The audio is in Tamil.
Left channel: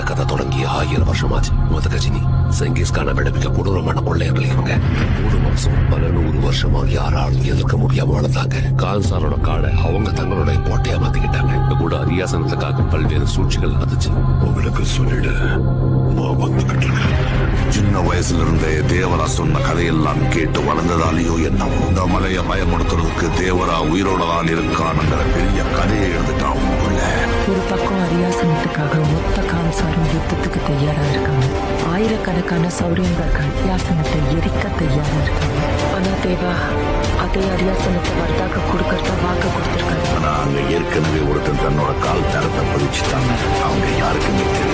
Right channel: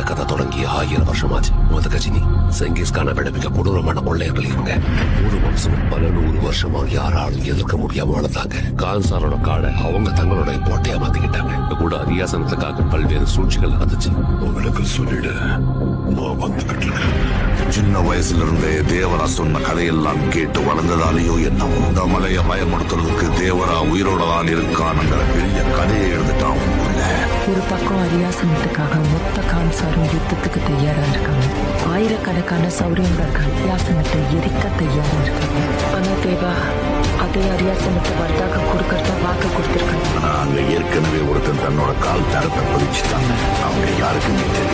இந்த கதை தொடங்கி 1000 வருஷமாச்சு. கஜினி செங்கிஸ்கான விடுவிக்க கொடூரமான கொள்ளையர்கள் இவங்க. 3 வம்சம் பல 100 வருஷமா யாராலும் எதிர்க்க முடியாம வளர்ந்தாங்க. கான்சாரோட காடை அவங்க தங்களுடைய கோட்டையா மாத்திக்கிட்டாங்க. கூட அரியாசனத்துக்காக பல்வேறு சூழ்ச்சிகள் நடந்துச்சு. உங்களுக்கு சொல்லிடு, நான் வந்துகிட்டு இருக்கேன். சின்ன வயசுல இருந்தே தேவரா சொன்ன கதையெல்லாம் கேட்டு வளர்ந்ததாலேயோ என்னவோ இந்த மலையை பயமுறுத்துறதுக்கு தேவரா உயிரோட தான் இருக்கானுங்கிற பெரிய கதையை எழுதிட்டான். ஒரு பக்கம் அரியாசனத்துக்காக மொத்த கான்சாரும் யுத்தத்துக்கு தயாரா இருக்காங்க. ஆயிரக்கணக்கான சௌரியங்கர்கள் அரியாசனத்தை எரிக்க தயாரா இருக்காங்க. ஆனா தேவா அதே அரியாசனத்தை வர்தாக கொடுக்கறதா வாக்கு கொடுத்திருக்காங்க. ஆனா அங்க ஏற்கனவே ஒருத்தன் தன்னோட கால் தரத்தை பதிச்சுட்டாங்க. அவங்க யாருக்குமே தெரியும்.